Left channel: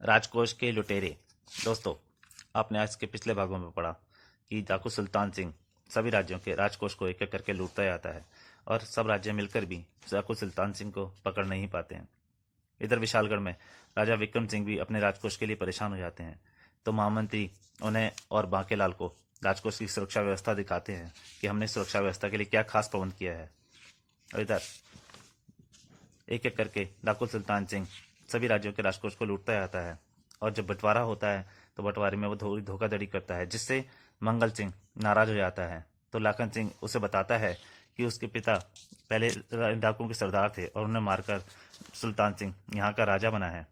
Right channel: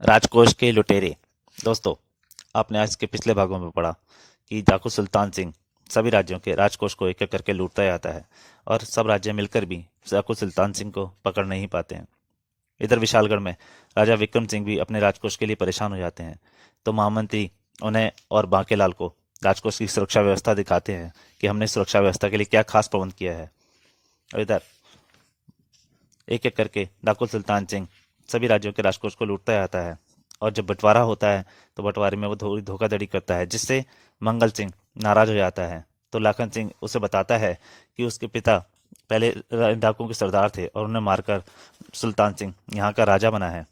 राजकोष के लुटेरे। दोस्तों, आपने आज के पिछले भागों में पढ़ा कि डाकू सुल्तान सिंह सभी राज्यों के राजकोष को एक एक करके लूटता जाता है और सब राज्य मिलकर भी डाकू सुल्तान सिंह को पकड़ नहीं पाते हैं। इधर विशालगढ़ में राजा विक्रम सिंह भी अपने राजकोष के लिए परेशान हो जाते हैं, तो महामंत्री उन्हें और बांकेलाल को राजकोष की सुरक्षा व्यवस्था दिखाते हैं कि हमने सुरक्षा व्यवस्था के लिए क्या खास प्रबंध किया है। और इधर एक एक करके डाकू सुल्तान सिंह सभी राज्यों के राजकोष को लूटता जाता है, और जब बंटवारा होता है तो बंटवारे में वो थोड़ी धोखाधड़ी करता है, जिससे मंगल सिंह नाराज हो जाता है। तो लाखन सिंह उसे बताता है कि उसके पिता पहले डाकुओं के सरदार थे और उन्हें मारकर सुल्तान सिंह यहाँ का राजा बना है।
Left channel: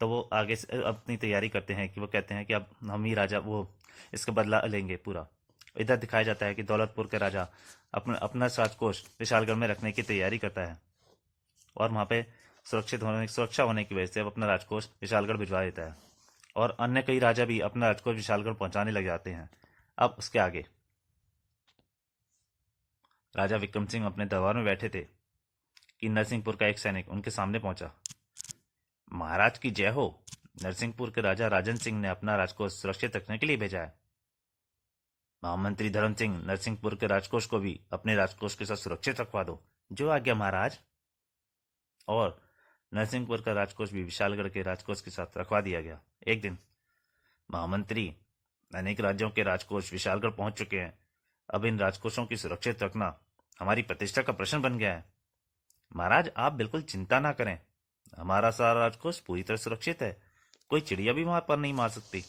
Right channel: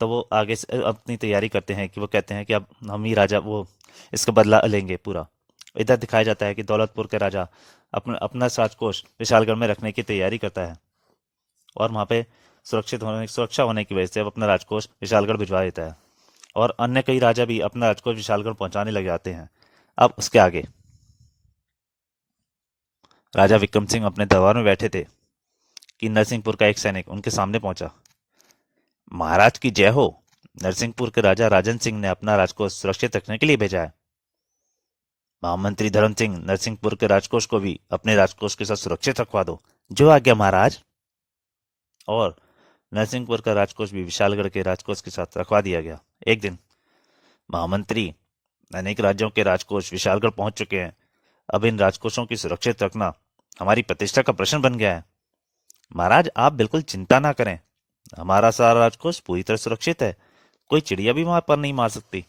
तो वो आगे से अपनी तैयारी करते हैं कि वो कहते हैं कि अब हम ही राजा वो इसका बदला लेंगे पूरा। इधर दिखाया जाता है कि दौलतपुर के राजा अपना अपना राजकोष विशालगढ़ में रखने की तैयारी करता है, और वहाँ पे सुरक्षा होने की वजह से अब अपना राजकोष विशालगढ़ भिजवा देता है, और अन्य कई राजा भी अपना राजकोष विशालगढ़ पहुंचाने लग जाते हैं। अब उसके आगे राजा विक्रम सिंह अपने दरबार में बैठे थे कि नरसिंहपुर का एक सैनिक उनके सामने पहुंचा। महाराज की जय हो। नरसिंहपुर के राजा राजन सिंह ने अपना राजकोष सुरक्षित रखने के लिए भेजा है। महामंत्री धर्म सिंह नरसिंहपुर के राजकोष को भी अपने राजकोष के साथ सुरक्षित रखवा दो। जो आज्ञा महाराज। और नरसिंहपुर का राजकोष भी विशालगढ़ के राजकोष के साथ रखवा दिया गया। एक दिन महामंत्री, अनेक राज्यों के राजकोष विशालगढ़ पहुंच चुके हैं। अब इन राजकोषों की सुरक्षित रखना हमारी प्रतिष्ठा का प्रश्न बन गया है। महाराज, आप बिल्कुल चिंता ना करें, हमारा सारा राजकोष पूरी तरह सुरक्षित है। कोई चिड़िया भी वहां पर नहीं मार सकती।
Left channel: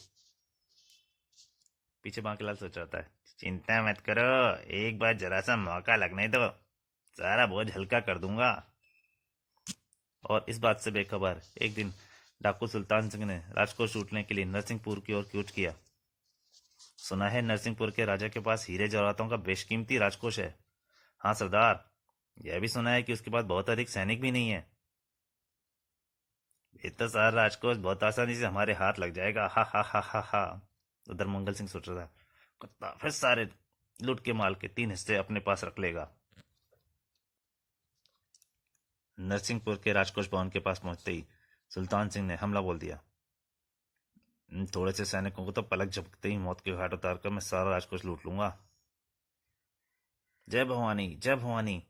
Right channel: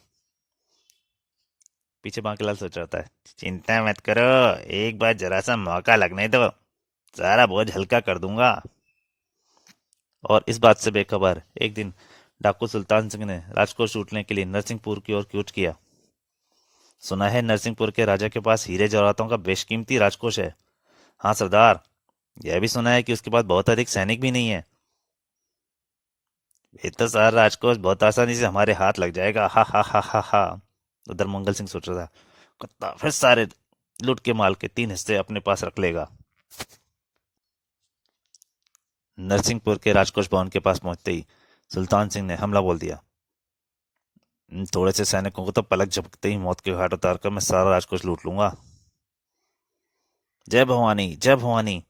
पीछे बांकीलाल सोच रहा है, चिंता मत करो, एक बार जरा सा मौका लगने दो, सारा बोझ हल्का कर दूंगा। और इस बात से बेखबर एक दिन डाकू सुल्तान सिंह ने राजकोष लूटने के लिए नरसिंहपुर की ओर कूच किया। सुना है नरसिंहपुर के राजा के पास हीरे जवाहरातों का बेशकीमती राजकोष है। हाँ सरदार, यह भी सुना है कि उसके पास बहुत अधिक सैनिक भी नहीं है। ये तो सारा राजकोष बहुत आसानी से हमारे हाथ लग जाएगा, हा हा हा हा हा। उधर मंगल सिंह सोच रहा था, कुत्ता फिर सारे लूट के माल के 3 हिस्से अपने पास रख लेगा। नरसिंहपुर के राजकोष भवन के पास पहुंचते ही सुल्तान सिंह ने हमला बोल दिया। थोड़े से सैनिकों को तो पलक झपकते ही मौत के घाट उतार कर मैं सारा राजकोष लूट लूंगा। जय भवानी, जय भवानी।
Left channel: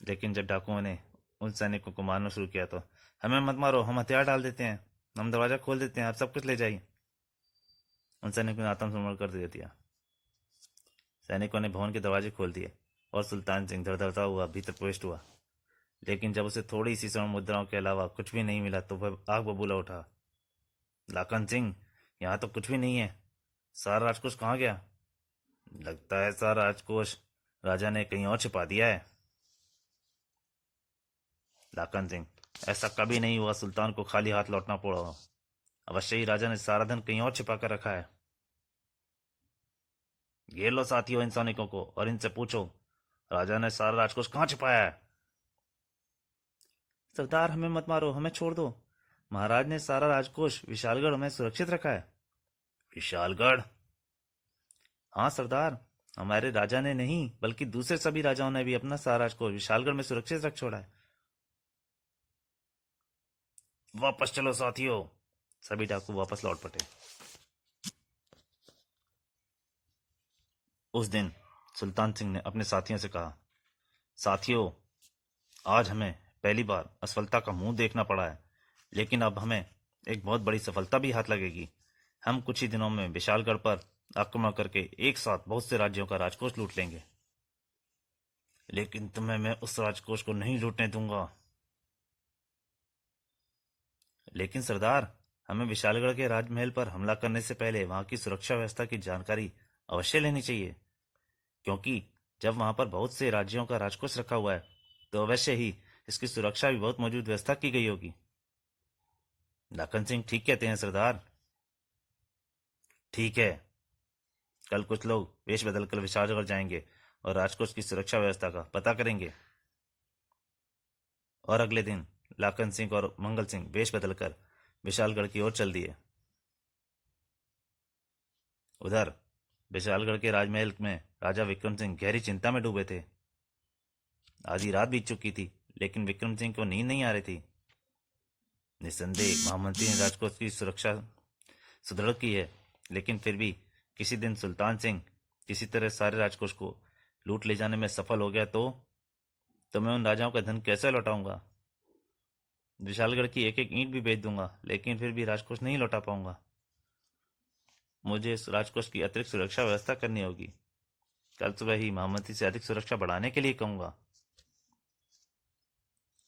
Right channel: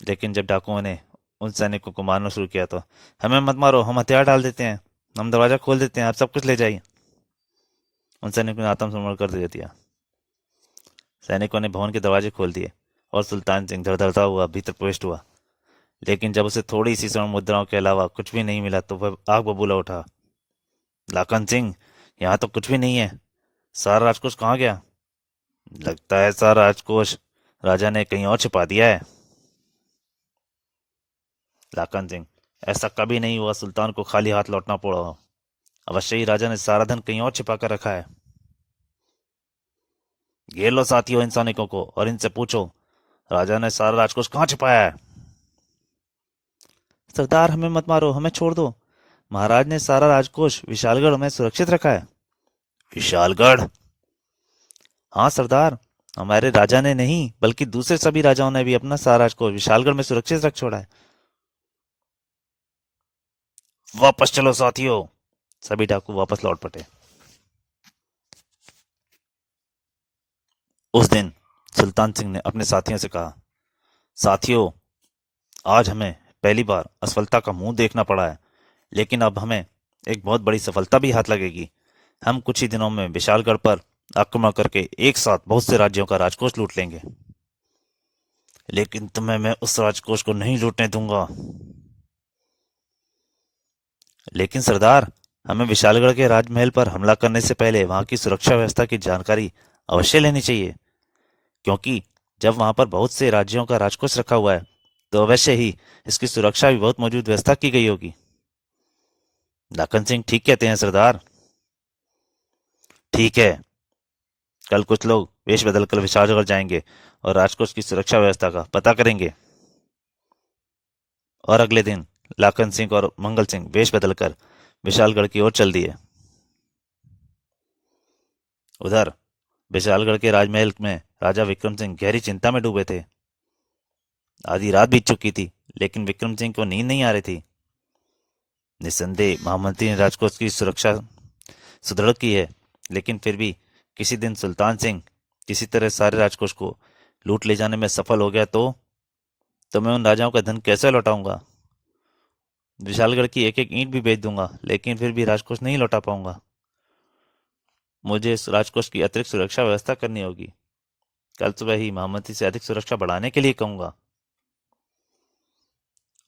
लेकिन जब डाकुओं ने उन सैनिकों को मारना शुरू किया तो, हमें मत मारो, हम हथियार डाल देते हैं, हम दरवाजा खोल देते हैं, आप सब कुछ ले जाइए। उन सैनिकों ने आत्मसमर्पण कर दे दिया। सैनिकों ने भवन के दरवाजे खोल दिए और सुल्तान सिंह धड़धड़ता हुआ भीतर प्रविष्ट हुआ। लेकिन जब उसे थोड़ी सी स्वर्ण मुद्राओं के अलावा कुछ भी नहीं मिला तो वह आग बबूला उठा। लाखन सिंह, यहाँ तो कुछ भी नहीं है, सारा राजकोष कहाँ गया? लगता है सारा राजकोष राजा ने कहीं और छिपा दिया है। लाखन सिंह, ऐसा कभी नहीं हुआ, सुल्तान को खाली हाथ लौटना पड़ा। अवश्य ही राजा ने सारा धन कहीं और छिपा कर रखा है। घेर लो साथियों इन सैनिकों को और इनसे पूछो, राजा ने सारा राजकोष कहाँ छिपाया है? सरदार, हमें मत मारो, हमें छोड़ दो, महाराज ने सारा राजकोष विशालगढ़ में सुरक्षित रखा है। विशालगढ़? हाँ सरदार, हमारे राजा ने नहीं बल्कि दूसरे सभी राजाओं ने भी अपना सारा राजकोष विशालगढ़ में सुरक्षित रख छोड़ा है। वापस चलो साथियों। सभी डाकू वापस लौट पड़े। उस दिन सुल्तान सिंह ने अपने साथियों से कहा, साथियों, आज हमें पहली बार असफलता का मुंह देखना पड़ा है, लेकिन अब हमें एक बहुत बड़ी सफलता भी हाथ लगेगी। हम कुछ ही दिनों में विशालगढ़ पर आक्रमण करके एक साथ बहुत से राज्यों का राजकोष लूट लेंगे। लेकिन तुम्हें मैं उस राजकोष को नहीं लूटने दूंगा। लेकिन सरदार, हमें विशालगढ़ के राजमहल पर हमला करने से पहले वहां की सुरक्षा व्यवस्था की जानकारी अवश्य लेनी चाहिए, क्योंकि जब वहां पर बहुत से राज्यों का राजकोष रखा हुआ है तो अवश्य ही इसकी सुरक्षा भी बहुत मौजूद व्यवस्था की गई होगी। लाखन सिंह ठीक कहते हैं सरदार। ठीक है, कल कुछ लोग वेश बदलकर विशालगढ़ जाएंगे और राजकोष की सुरक्षा व्यवस्था का पता करेंगे। और अगले दिन लाखन सिंह और मंगल सिंह वेश बदलकर विशालगढ़ की ओर चल दिए। उधर विशालगढ़ के राजमहल में राजा विक्रम सिंह गहरी चिंता में डूबे थे। आधी रात बीत चुकी थी, लेकिन विक्रम सिंह को नींद नहीं आ रही थी। निस्संदेह महामंत्री ने राजकोष की सुरक्षा सुदृढ़ की है, लेकिन फिर भी किसी दिन सुल्तान सिंह किसी तरह सारे राजकोष को लूट ले जाने में सफल हो गया तो मैं उन राजाओं का धन कैसे लौटाऊंगा? विशालगढ़ की एक एक ईंट भी बेच दूंगा, लेकिन फिर भी राजकोष नहीं लौटा पाऊंगा। मुझे इस राजकोष की अतिरिक्त सुरक्षा व्यवस्था करनी होगी। कल सुबह ही महामंत्री से अधिक सुरक्षा बढ़ाने के लिए कहूंगा।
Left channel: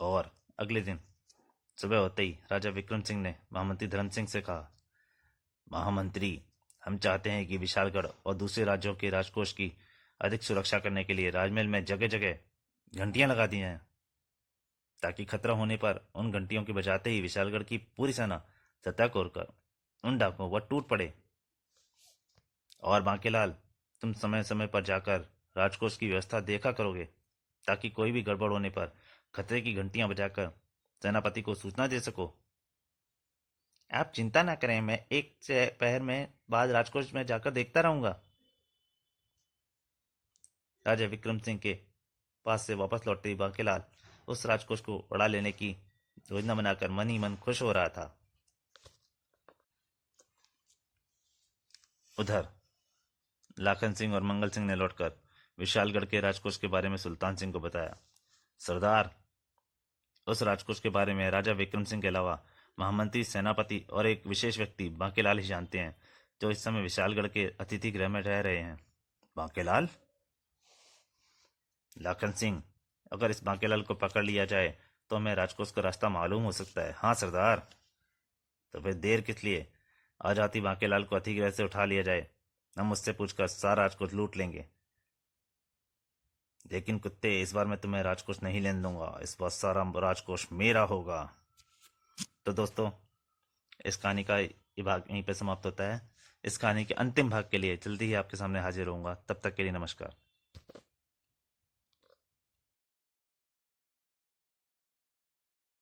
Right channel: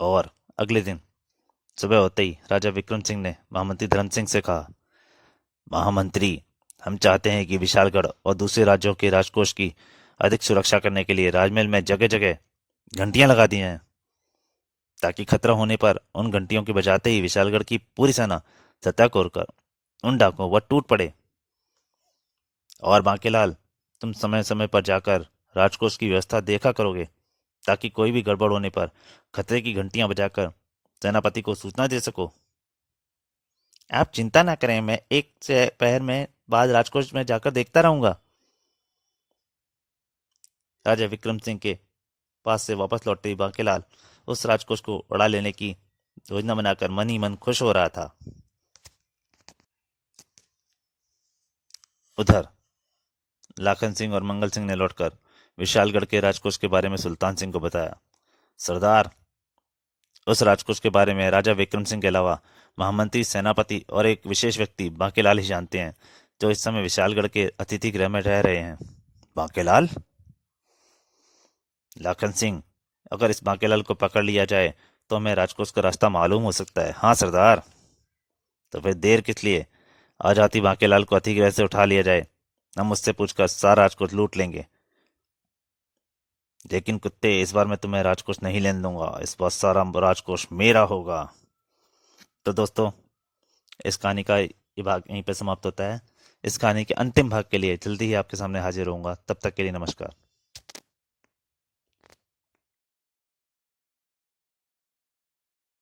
और अगले दिन सुबह होते ही राजा विक्रम सिंह ने महामंत्री धर्म सिंह से कहा, महामंत्री, हम चाहते हैं कि विशालगढ़ और दूसरे राज्यों के राजकोष की अधिक सुरक्षा करने के लिए राजमहल में जगह जगह घंटियां लगा दी हैं, ताकि खतरा होने पर उन घंटियों के बजाते ही विशालगढ़ की पूरी सेना सतर्क होकर उन डाकुओं पर टूट पड़े। और बांकेलाल, तुम समय समय पर जाकर राजकोष की व्यवस्था देखा करोगे, ताकि कोई भी गड़बड़ होने पर खतरे की घंटियां बजाकर सेनापति को सूचना दे सको। आप चिंता ना करें, मैं एक से पहर में बाद राजकोष में जाकर देखता रहूंगा। राजा विक्रम सिंह के पास से वापस लौटे बांकेलाल उस राजकोष को उड़ा लेने की योजना बनाकर मन ही मन खुश हो रहा था। उधर लाखन सिंह और मंगल सिंह ने लौटकर विशालगढ़ के राजकोष के बारे में सुल्तान सिंह को बताया। सरदार, उस राजकोष के बारे में राजा विक्रम सिंह के अलावा महामंत्री, सेनापति और एक विशेष व्यक्ति बांकेलाल ही जानते हैं, जो इस समय विशालगढ़ के अतिथि गृह में रह रहे हैं। बांकेलाल? लाखन सिंह, अगर इस बांकेलाल को पकड़ लिया जाए तो हमें राजकोष का रास्ता मालूम हो सकता है। हाँ सरदार। तो फिर देर किस लिए? आज आती बांकेलाल को अतिगृह से उठा लिया जाए, हम उससे पूछकर सारा राजकोष लूट लेंगे। लेकिन कुत्ते, इस बार मैं तुम्हें राजकोष नहीं लेने दूंगा, इस बार सारा राजकोष मेरा होगा। तो दोस्तों, इस कहानी का ये भाग यहीं पर समाप्त होता है। इस कहानी के अंतिम भाग के लिए जल्दी ही आपके सामने हाजिर होऊंगा। तब तक के लिए नमस्कार।